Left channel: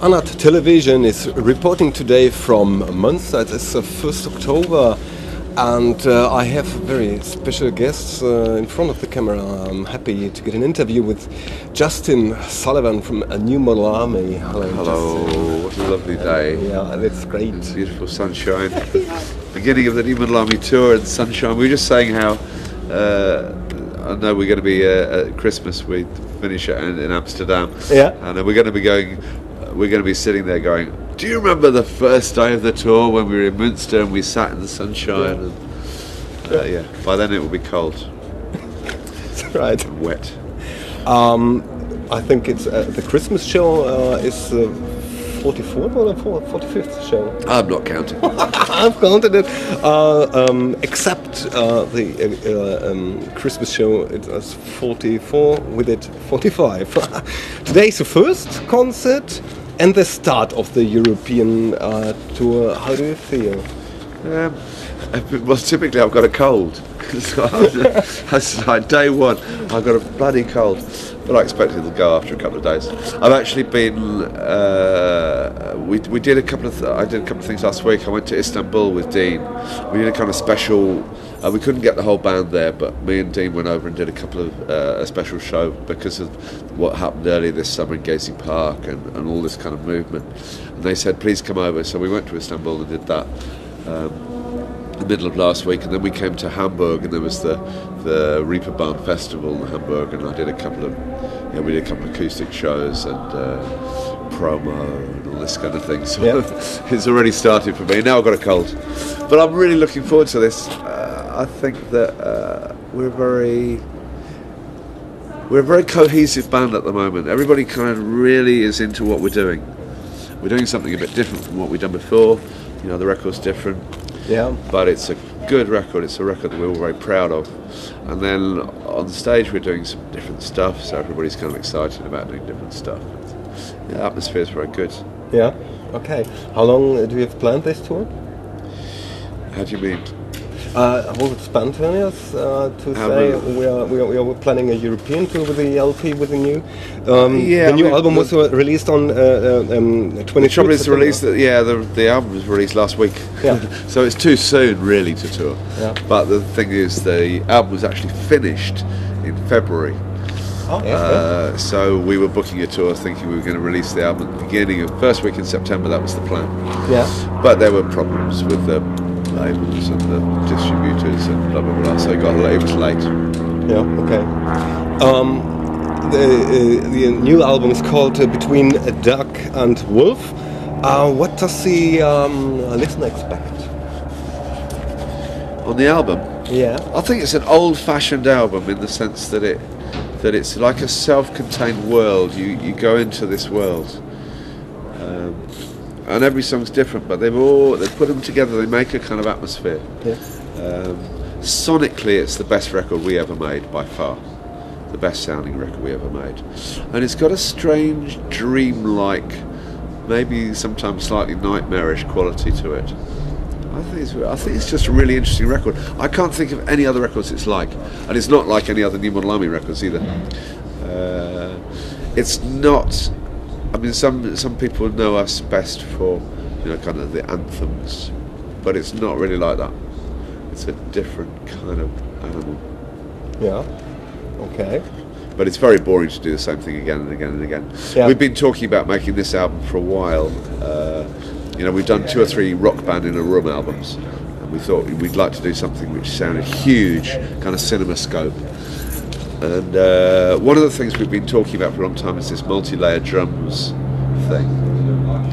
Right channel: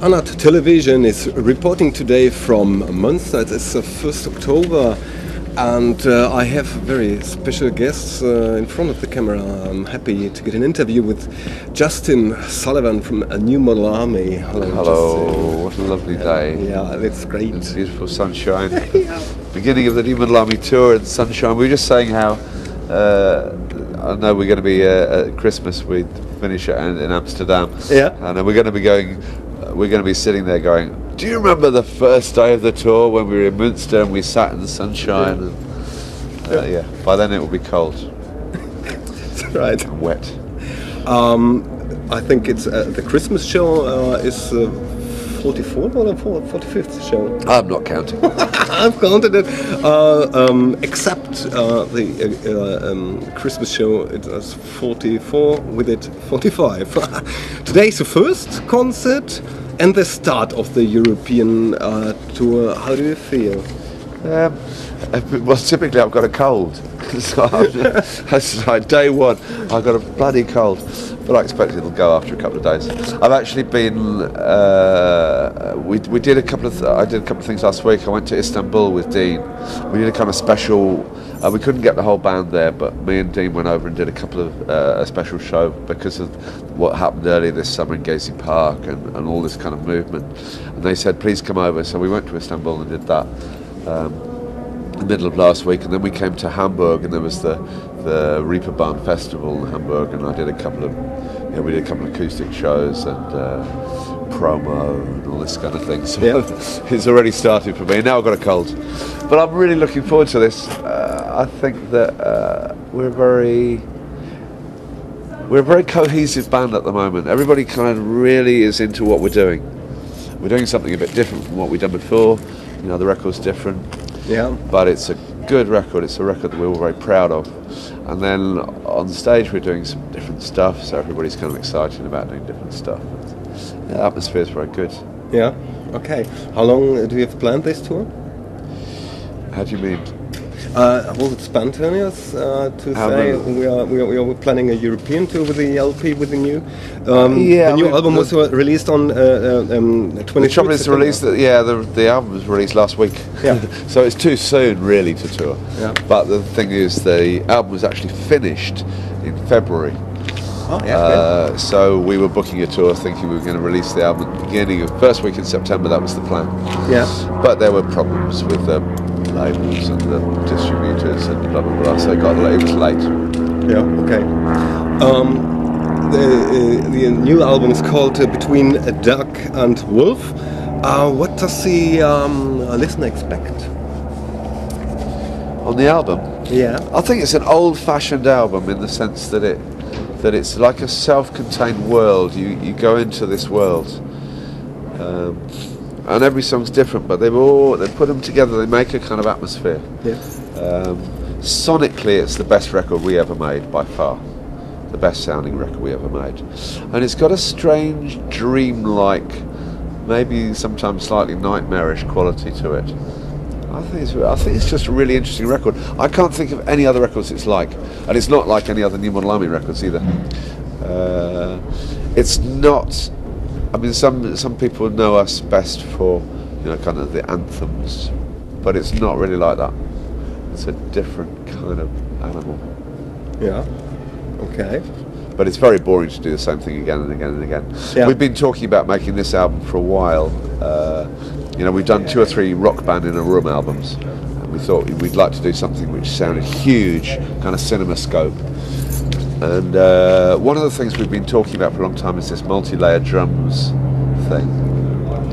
UnArt television is reporting today from Münster. It's the 1st October and I have very special guests in front of the camera. I'm happy to get an interview with Justin Sullivan from A New Model Army. Hello, Justin. What a lovely day. Yeah, that's great. It's beautiful sunshine. Beginning of the New Model Army tour and sunshine. We were just saying how, I know we're going to be at Christmas, we finish it in Amsterdam. Yeah. And we're going to be sitting there going, do you remember the first day of the tour when we were in Münster and we sat in the sunshine? Yeah. And, by then it will be cold. That's right. And wet. I think it's the Christmas show is 44th or 45th show. I'm not counting. I've counted it. Except the Christmas show, it's 44, with it 45. Today's the first concert and the start of the European tour. How do you feel? Well, typically I've got a cold. So that's like day one. I've got a bloody cold, but I expect it'll go after a couple of days. I've actually been. I did a couple of things last week. I went to Istanbul with Dean. We did a kind of special. We couldn't get the whole band there, but me and Dean went over and did a couple of a special show because of what happened earlier this summer in Gezi Park and all this kind of movement. And they said, please come over. So we went to Istanbul and did that. The middle of last week, and then we came to Hamburg, and there was the Reeperbahn Festival in Hamburg, and I did a couple of, we did a couple of acoustic shows and promo and all this kind of thing. So it's already started for me. And now I've got a cold, but I'm really looking forward to this. I think that we're a very cohesive band at the moment. Everybody kind of really is into what we're doing. We're doing something a bit different from what we've done before. The record's different. Yeah, but it's a good record. It's a record that we're all very proud of. And then on stage we're doing some different stuff, so everybody's kind of excited about doing different stuff. The atmosphere's very good. Yeah. Okay. How long do you have planned this tour? How do you mean? Was it spontaneous to say we are planning a European tour with the LP, with the new the new album was released on 23rd. The trouble is the album was released last week. Yeah. So it's too soon really to tour. Yeah. But the thing is, the album was actually finished in February. Oh, yeah. So we were booking a tour thinking we were going to release the album at the beginning of first week in September. That was the plan. Yeah. But there were problems with the labels and the distributors and blah blah blah, so it got late. Yeah, okay. The new album is called Between a Duck and Wolf. What does the listener expect on the album? Yeah, I think it's an old-fashioned album in the sense that it's like a self-contained world. You go into this world. And every song's different, but they put them together, they make a kind of atmosphere. Yes. Sonically, it's the best record we ever made, by far. The best sounding record we ever made. And it's got a strange, dream-like, maybe sometimes slightly nightmarish quality to it. I think it's just a really interesting record. I can't think of any other records it's like. And it's not like any other New Model Army records either. It's not... I mean, some people know us best for, kind of the anthems, but it's not really like that. It's a different kind of animal. Yeah. Okay. But it's very boring to do the same thing again and again and again. Yeah. We've been talking about making this album for a while. We've done 2 or 3 Rock Band in a Room albums, and we thought we'd like to do something which sounded huge, kind of cinema scope. And one of the things we've been talking about for a long time is this multi-layer drums thing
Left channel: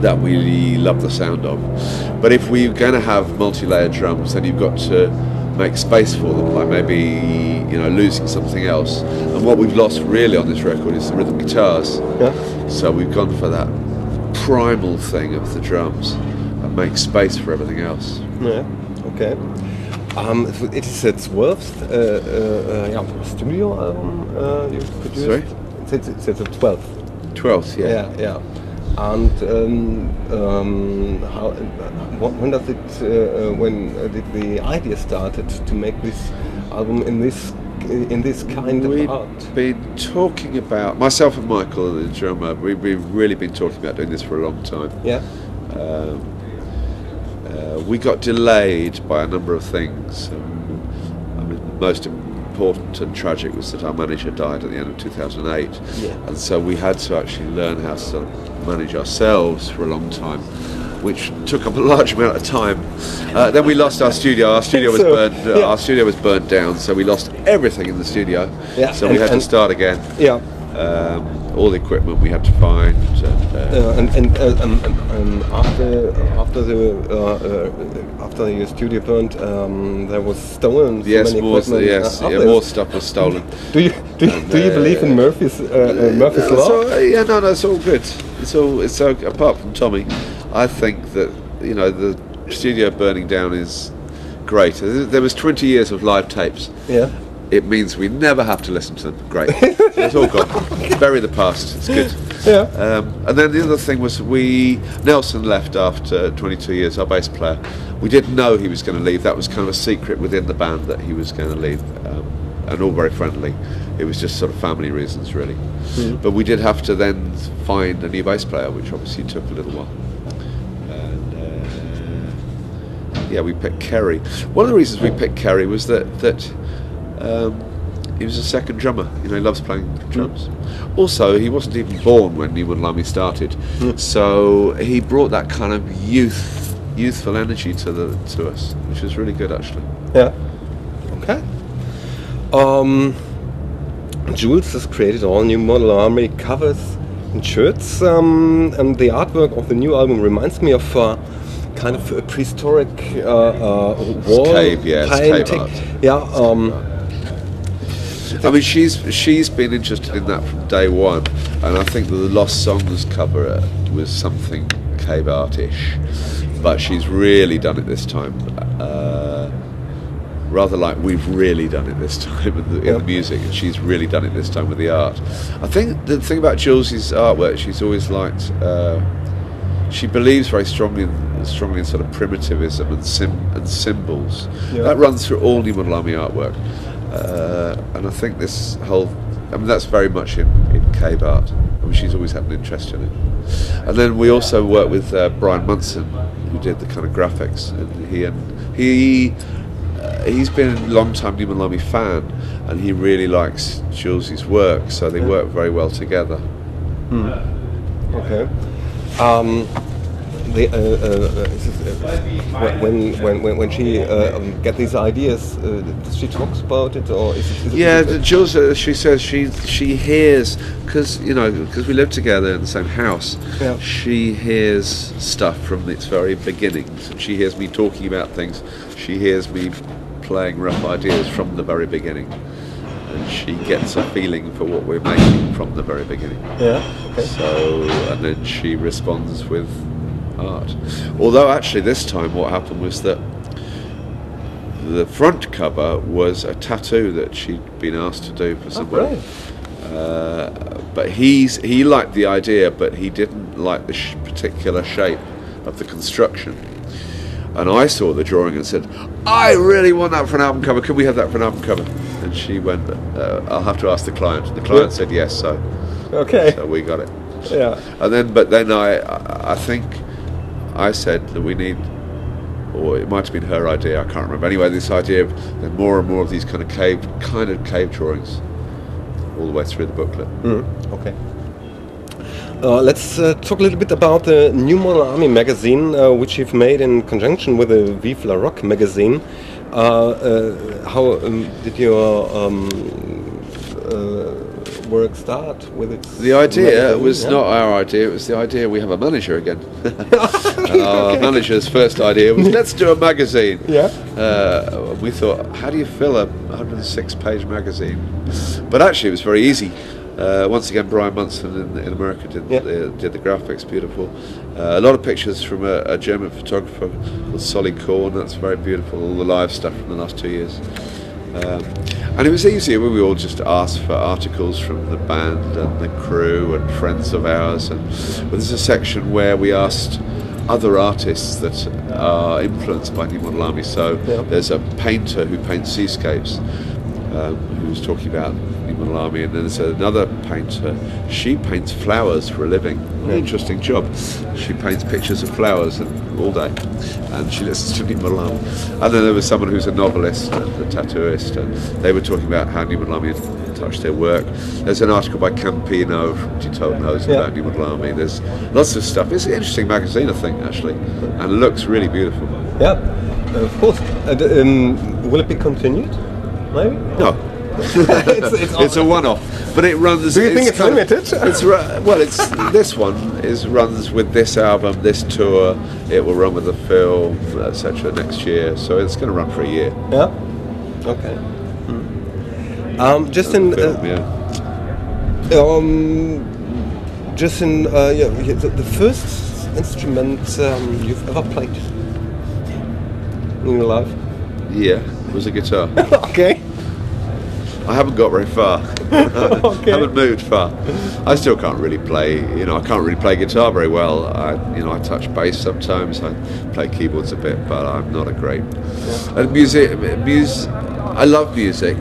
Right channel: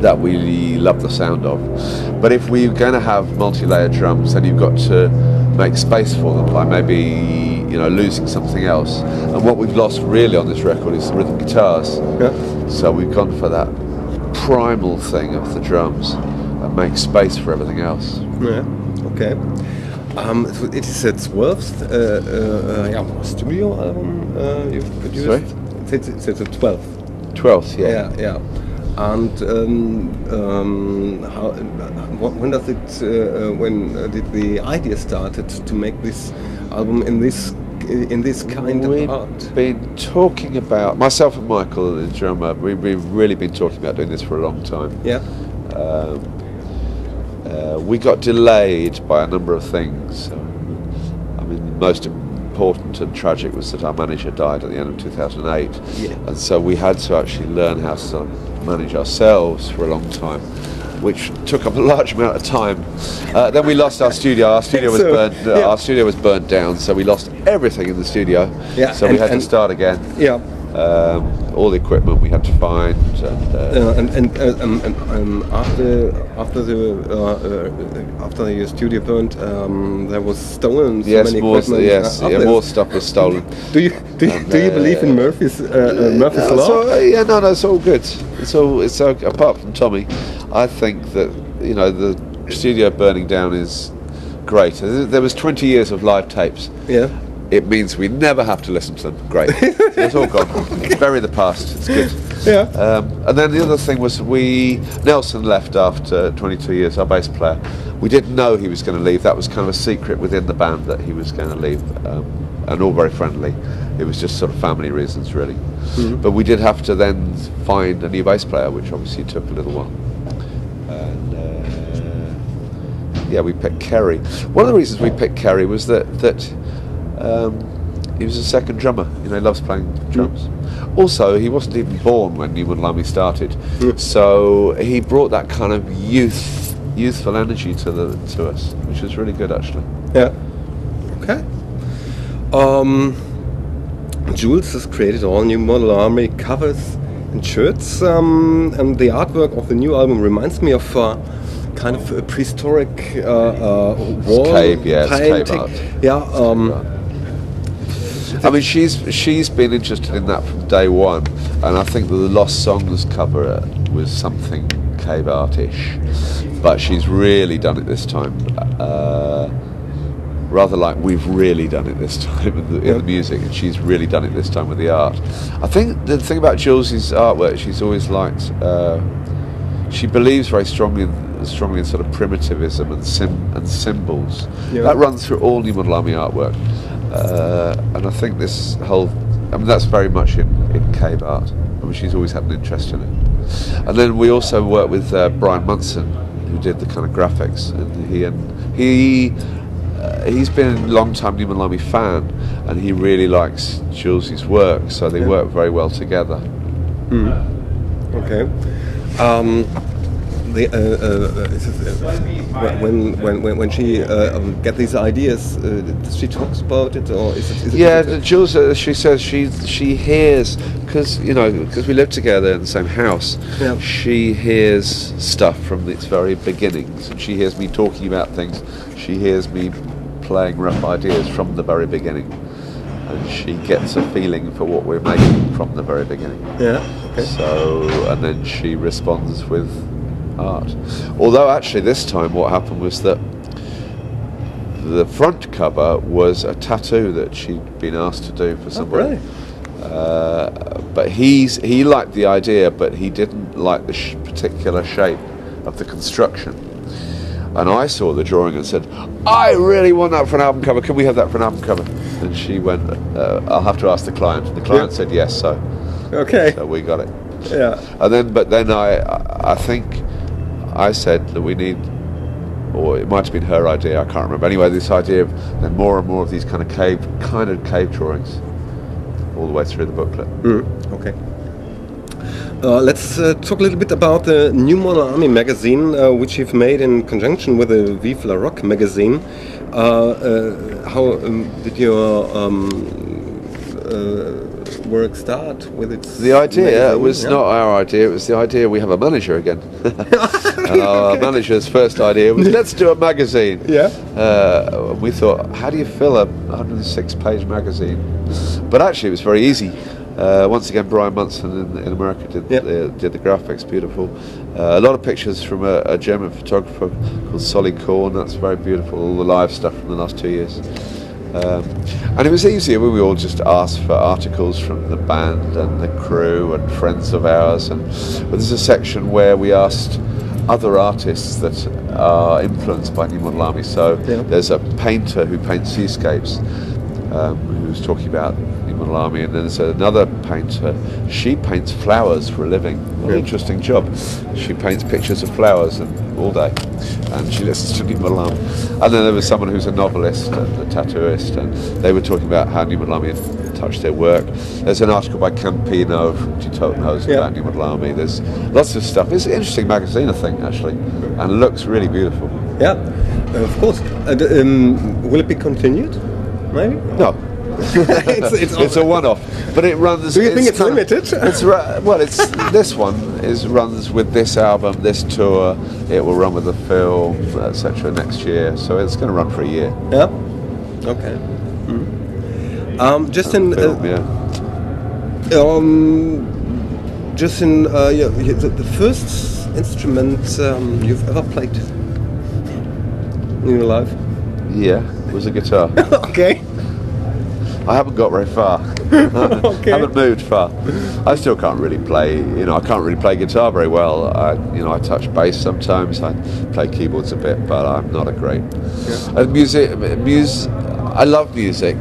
that we love the sound of. But if we're going to have multi-layer drums, then you've got to make space for them by maybe losing something else. And what we've lost really on this record is the rhythm guitars. Yeah. So we've gone for that primal thing of the drums and make space for everything else. Yeah. Okay. It is its 12th studio album you've produced. Sorry? It's the 12th. 12th, yeah. Yeah. And when did the idea started to make this album in this in this kind of art? We've been talking about, myself and Michael, the drummer, we've really been talking about doing this for a long time. Yeah. We got delayed by a number of things. I mean, the most important and tragic was that our manager died at the end of 2008. Yeah. And so we had to actually learn how to manage ourselves for a long time, which took up a large amount of time. Then we lost our studio. Our studio was Our studio was burnt down, so we lost everything in the studio. Yeah. So we had to start again. Yeah. All the equipment we had to find. After your studio burned, there was stolen so many equipment. More stuff was stolen. Do you believe in Murphy's law? No, it's all good. It's apart from Tommy, I think that the studio burning down is great. There was 20 years of live tapes. Yeah. It means we never have to listen to them. Great. It's all gone. Bury the past. It's good. Yeah. And then the other thing was Nelson left after 22 years, our bass player. We didn't know he was going to leave. That was kind of a secret within the band that he was going to leave. And all very friendly. It was just sort of family reasons, really. Mm-hmm. But we did have to then find a new bass player, which obviously took a little while. And we picked Kerry. One of the reasons we picked Kerry was that he was a second drummer. He loves playing drums. Also, he wasn't even born when New Millennium started, so he brought that kind of youthful energy to us, which was really good, actually. Yeah. Okay. Jules has created all new Model Army covers and shirts, and the artwork of the new album reminds me of kind of a prehistoric wall cave art. Yeah. I mean, she's been interested in that from day one, and I think the Lost Songs cover was something cave artish, but she's really done it this time. Rather like we've really done it this time in the music, and she's really done it this time with the art. I think the thing about Jules's artwork, she's always liked. She believes very strongly in sort of primitivism and symbols. Yeah. That runs through all New Model Army artwork. And I think that's very much in cave art. I mean, she's always had an interest in it. And then we also worked with Brian Munson, who did the kind of graphics. And he's been a long-time New Millennium fan, and he really likes Jules's work, so they work very well together. Okay. When she get these ideas, does she talks about it, or is it Jules? She says she hears, because we live together in the same house. Yeah. She hears stuff from its very beginnings, and she hears me talking about things. She hears me playing rough ideas from the very beginning, and she gets a feeling for what we're making from the very beginning. Yeah. Okay. So, and then she responds with art. Although actually this time what happened was that the front cover was a tattoo that she'd been asked to do for somebody. But he liked the idea, but he didn't like the particular shape of the construction. And I saw the drawing and said, I really want that for an album cover. Can we have that for an album cover? And she went, I'll have to ask the client. And the client said yes, so we got it. Yeah. And then I think I said that we need, or it might have been her idea, I can't remember. Anyway, this idea of then more and more of these kind of cave drawings all the way through the booklet. Okay. Let's talk a little bit about the New Model Army magazine, which you've made in conjunction with the Vive la Rock magazine. How did your work start with its The idea magazine? was not our idea, it was the idea we have a manager again. Our manager's first idea was, let's do a magazine. Yeah. We thought, how do you fill a 106-page magazine? But actually it was very easy. Once again, Brian Munson in America did the graphics, beautiful. A lot of pictures from a German photographer called Solly Korn, that's very beautiful, all the live stuff from the last 2 years. And it was easier when we all just asked for articles from the band and the crew and friends of ours. And there's a section where we asked other artists that are influenced by New Model Army. So there's a painter who paints seascapes, who was talking about Malami, and then there's another painter. She paints flowers for a living. An interesting job. She paints pictures of flowers all day, and she listens to Malami. And then there was someone who's a novelist, a tattooist, and they were talking about how Malami had touched their work. There's an article by Campino from Untitled Chapter about Malami. There's lots of stuff. It's an interesting magazine, I think, actually, and it looks really beautiful. Yeah, of course. And, will it be continued? Maybe? No. it's a one-off, but it runs. Do you think it's limited? This one runs with this album, this tour. It will run with the film, etc. next year, so it's going to run for a year. Yeah. Okay. Justin. Justin, the first instrument you've ever played in your life? Yeah, it was a guitar. Okay. I haven't got very far. Okay. I haven't moved far. I still can't really play. I can't really play guitar very well. I touch bass sometimes. I play keyboards a bit, but I'm not a great. Yeah. And music. I love music,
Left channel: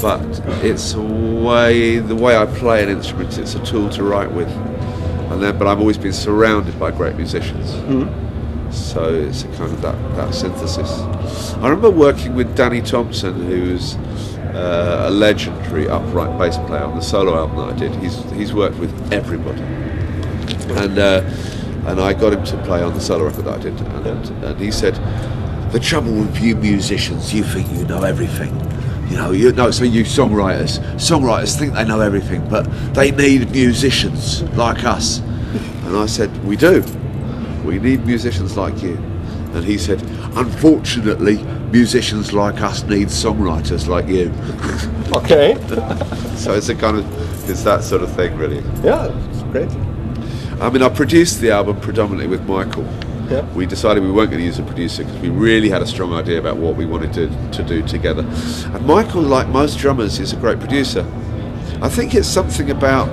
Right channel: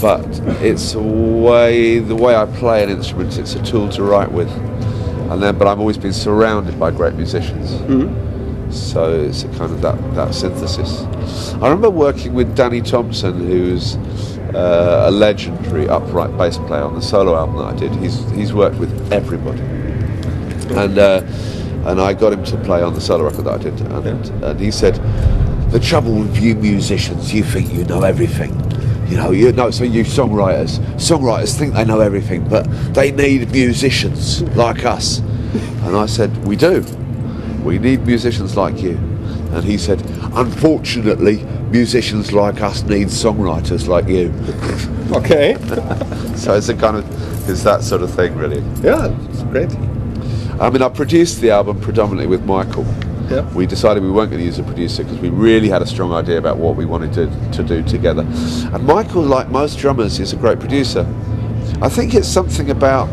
but it's the way I play an instrument. It's a tool to write with, but I've always been surrounded by great musicians. Mm-hmm. So it's a kind of that synthesis. I remember working with Danny Thompson, who's a legendary upright bass player on the solo album that I did. He's worked with everybody, and I got him to play on the solo record that I did, and he said, "The trouble with you musicians, you think you know everything. So you songwriters think they know everything, but they need musicians like us." And I said, "We do. We need musicians like you." And he said, "Unfortunately, musicians like us need songwriters like you." Okay. So it's that sort of thing, really. Yeah, it's great. I mean, I produced the album predominantly with Michael. Yeah. We decided we weren't going to use a producer because we really had a strong idea about what we wanted to do together. And Michael, like most drummers, is a great producer. I think it's something about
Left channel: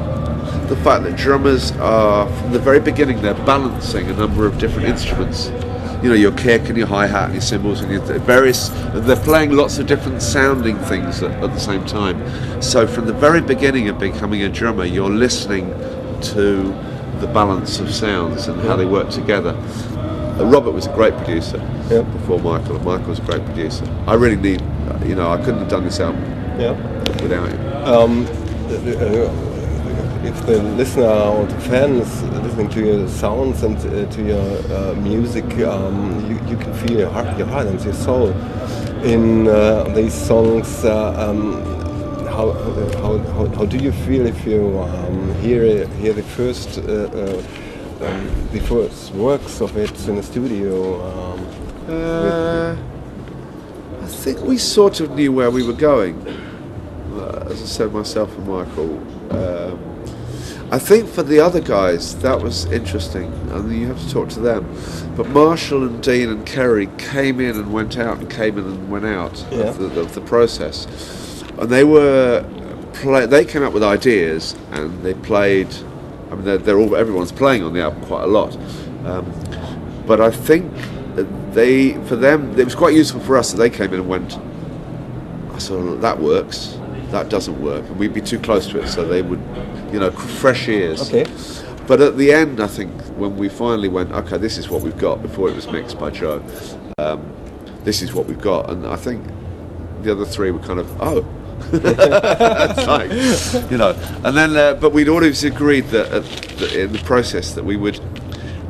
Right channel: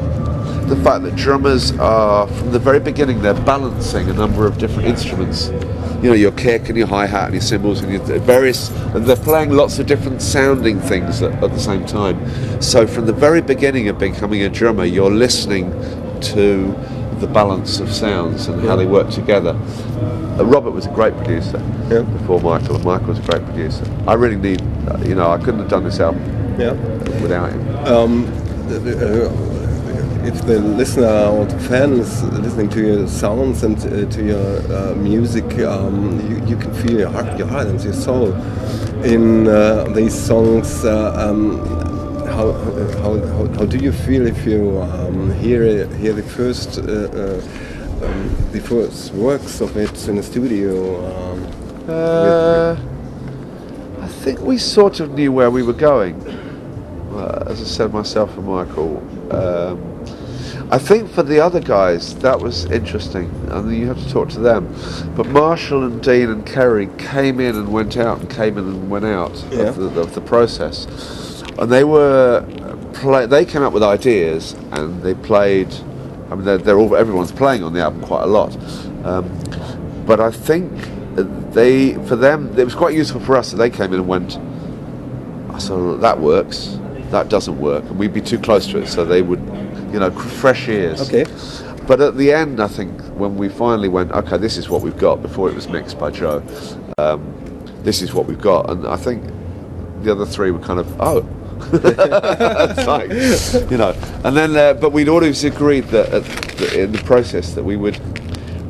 the fact that drummers are, from the very beginning, they're balancing a number of different instruments. Your kick and your hi-hat and your cymbals and and they're playing lots of different sounding things at the same time. So from the very beginning of becoming a drummer, you're listening to the balance of sounds and how they work together. Robert was a great producer before Michael. Michael was a great producer. I really need, I couldn't have done this album without him. If the listener or the fan is listening to your sounds and to your music, you can feel your heart and your soul in these songs. How do you feel if you hear the first works of it in the studio? I think we sort of knew where we were going. As I said, myself and Michael. I think for the other guys that was interesting, and you have to talk to them. But Marshall and Dean and Kerry came in and went out, and came in and went out of the process, and they came up with ideas and they played. I mean, everyone's playing on the album quite a lot, but I think for them it was quite useful for us that they came in and went, "So that works. That doesn't work," and we'd be too close to it, so they would, fresh ears. Okay. But at the end, I think when we finally went, "Okay, this is what we've got," before it was mixed by Joe, this is what we've got, and I think the other three were kind of, "Oh." It's like, and then, but we'd always agreed that in the process that we would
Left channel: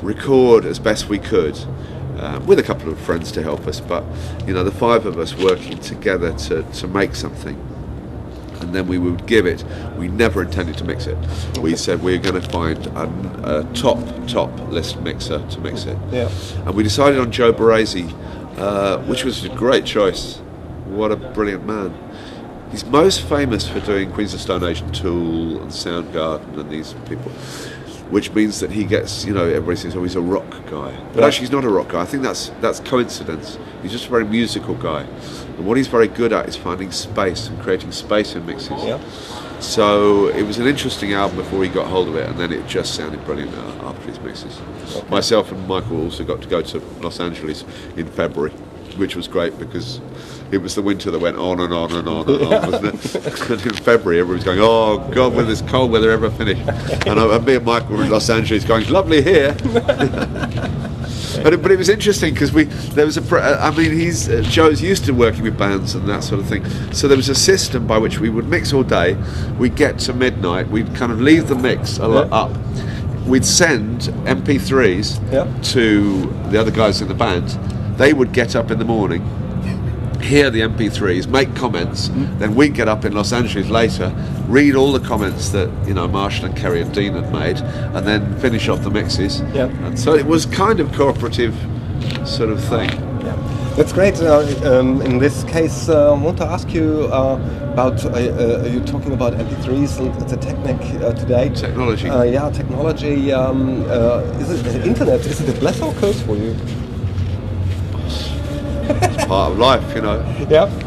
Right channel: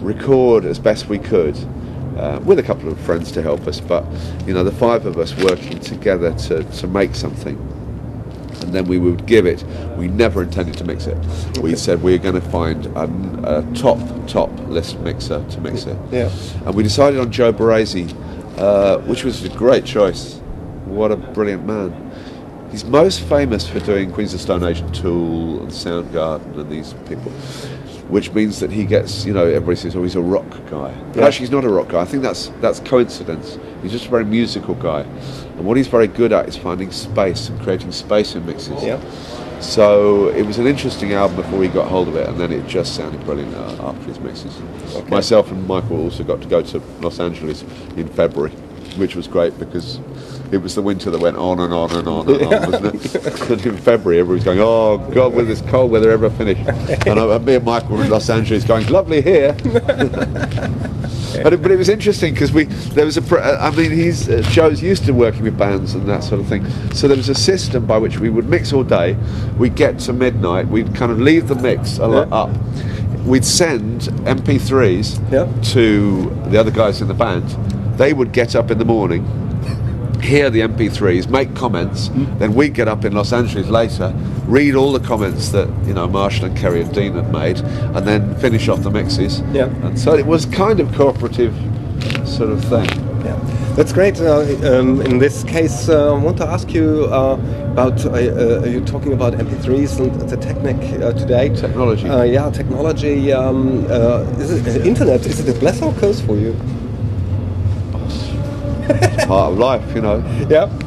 record as best we could. With a couple of friends to help us, but the five of us working together to make something, and then we would give it. We never intended to mix it. We said we're going to find a top list mixer to mix it. Yeah. And we decided on Joe Barresi, which was a great choice. What a brilliant man. He's most famous for doing Queens of Stone Age and Tool and Soundgarden and these people, which means that he gets, everybody says, "Oh, he's a rock guy." But actually, he's not a rock guy. I think that's coincidence. He's just a very musical guy, and what he's very good at is finding space and creating space in mixes. Yeah. So it was an interesting album before he got hold of it, and then it just sounded brilliant after his mixes. Okay. Myself and Michael also got to go to Los Angeles in February, which was great because it was the winter that went on and on and on and on, wasn't it? And in February, everybody's going, oh God, will this cold weather ever finish? And me and Michael were in Los Angeles going, lovely here. But it was interesting because Joe's used to working with bands and that sort of thing. So there was a system by which we would mix all day. We'd get to midnight. We'd kind of leave the mix a lot up. We'd send MP3s to the other guys in the band. They would get up in the morning, hear the MP3s, make comments. Then we'd get up in Los Angeles later, read all the comments that Marshall and Kerry and Dean had made, and then finish off the mixes. And so it was kind of cooperative sort of thing. That's great. In this case, I want to ask you about you're talking about MP3s and the technique today. Technology. Technology. Is it the internet? Is it a blessing or curse for you? It's part of life,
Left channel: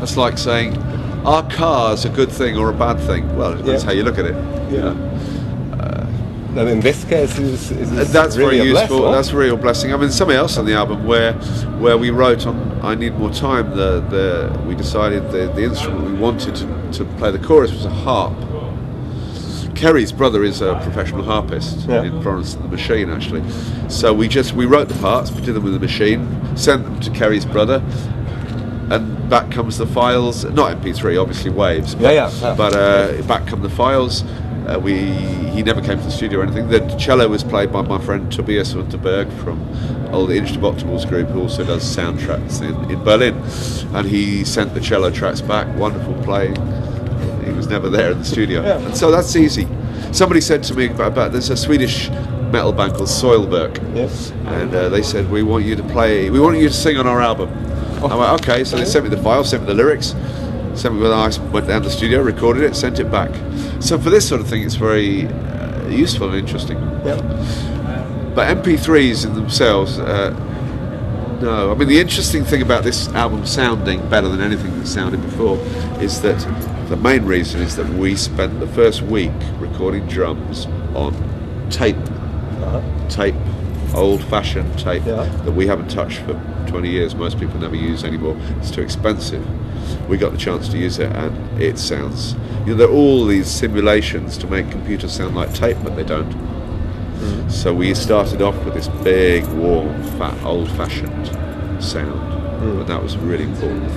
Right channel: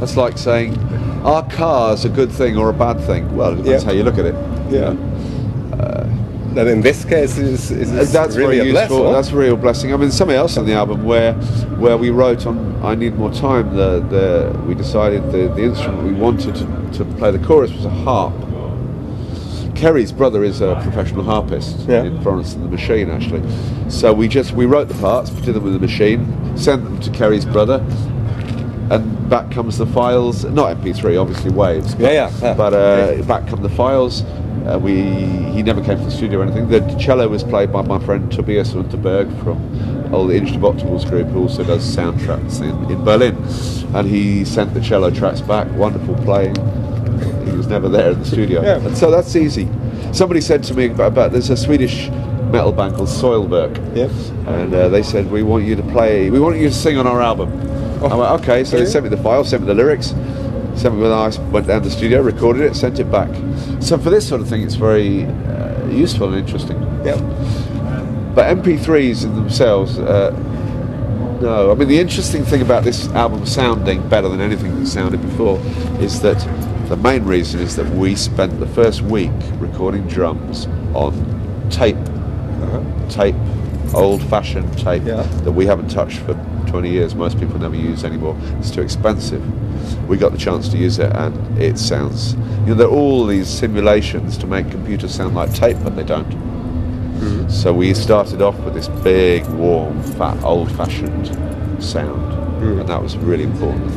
It's like saying, are cars a good thing or a bad thing? Well, it depends how you look at it. And in this case, that's really very useful. Blessing. That's a real blessing. I mean, something else on the album where we wrote on "I Need More Time." We decided the instrument we wanted to play the chorus was a harp. Kerry's brother is a professional harpist in Florence and the Machine, actually. So we wrote the parts, did them with the machine, sent them to Kerry's brother, and back comes the files. Not MP3, obviously waves. But back come the files. He never came to the studio or anything. The cello was played by my friend Tobias Unterberg from the Instructables group, who also does soundtracks in Berlin. And he sent the cello tracks back. Wonderful playing. He was never there in the studio. And so that's easy. Somebody said to me about there's a Swedish metal band called Soilwork, and they said we want you to sing on our album. I went, okay. So they sent me the file, sent me the lyrics, sent me I went down to the studio, recorded it, sent it back. So for this sort of thing, it's very useful and interesting. But MP3s in themselves, no. I mean, the interesting thing about this album sounding better than anything that sounded before is that the main reason is that we spent the first week recording drums on tape. Tape, old-fashioned tape that we haven't touched for 20 years. Most people never use anymore. It's too expensive. We got the chance to use it, and it sounds. There are all these simulations to make computers sound like tape, but they don't. So we started off with this big, warm, fat, old-fashioned sound, and that was really important.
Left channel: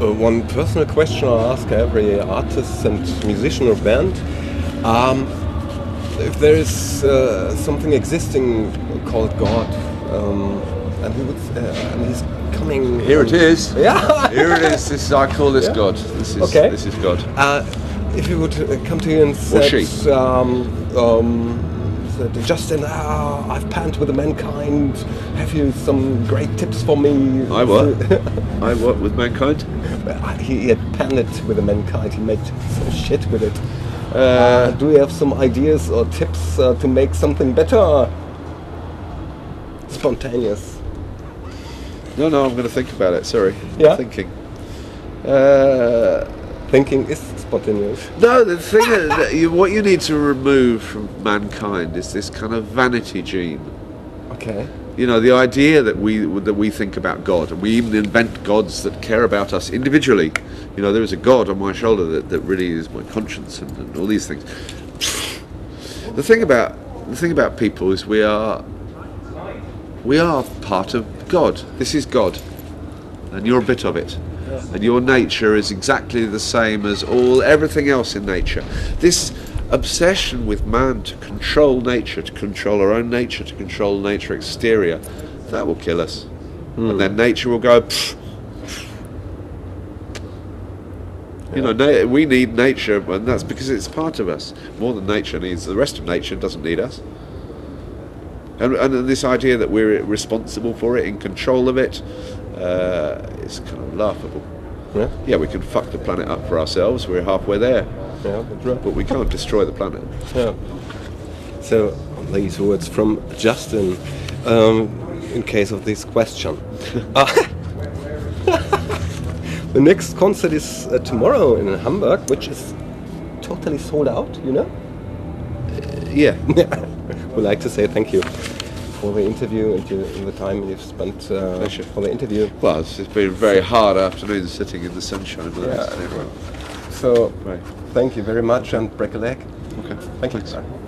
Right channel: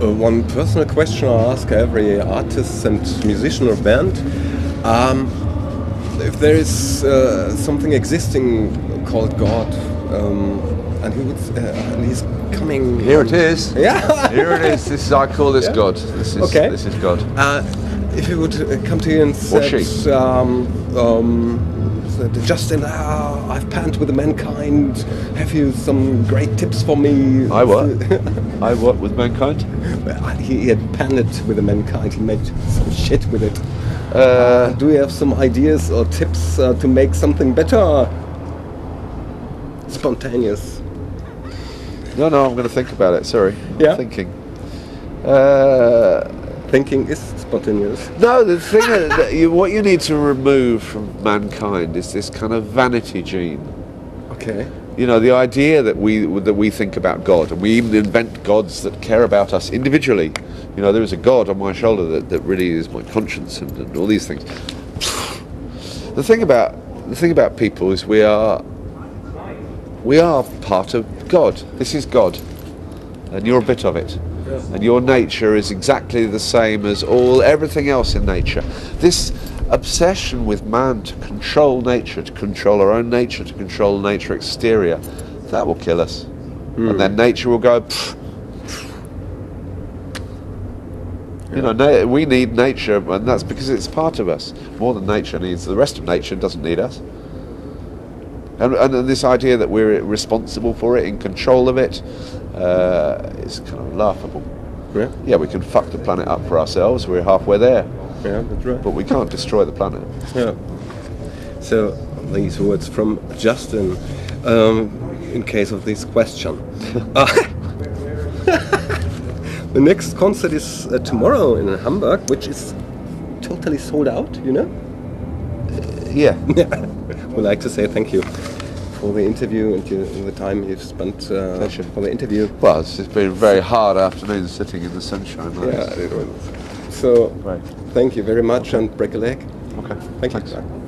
One personal question I ask every artist and musician or band: if there is something existing called God, and he's coming. Here it is. Yeah. Here it is. I call this God. This is God. If he would come to you and say, Justin, I've panned with mankind. Have you some great tips for me? I what? I what with mankind? He had panned it with mankind. He made some shit with it. Do you have some ideas or tips to make something better? Spontaneous. No, I'm going to think about it. Sorry. Thinking. Thinking is spontaneous. No, the thing what you need to remove from mankind is this kind of vanity gene. Okay. The idea that we think about God, and we even invent gods that care about us individually. There is a God on my shoulder that really is my conscience and all these things. The thing about people is we are part of God. This is God, and you're a bit of it. And your nature is exactly the same as everything else in nature. This obsession with man to control nature, to control our own nature, to control nature exterior, that will kill us. And then nature will go. We need nature, and that's because it's part of us more than nature needs. The rest of nature doesn't need us. And this idea that we're responsible for it, in control of it, is kind of laughable. Yeah, we can fuck the planet up for ourselves. We're halfway there. Yeah, that's right. But we can't destroy the planet. Yeah. So these words from Justin, in case of this question. The next concert is tomorrow in Hamburg, which is totally sold out. Yeah. We'd like to say thank you for the interview and the time you've spent for the interview. Well, it's been a very hard afternoon sitting in the sunshine. Yeah, it was. So, Right. thank you very much and break a leg. Okay. Thank you. Thanks.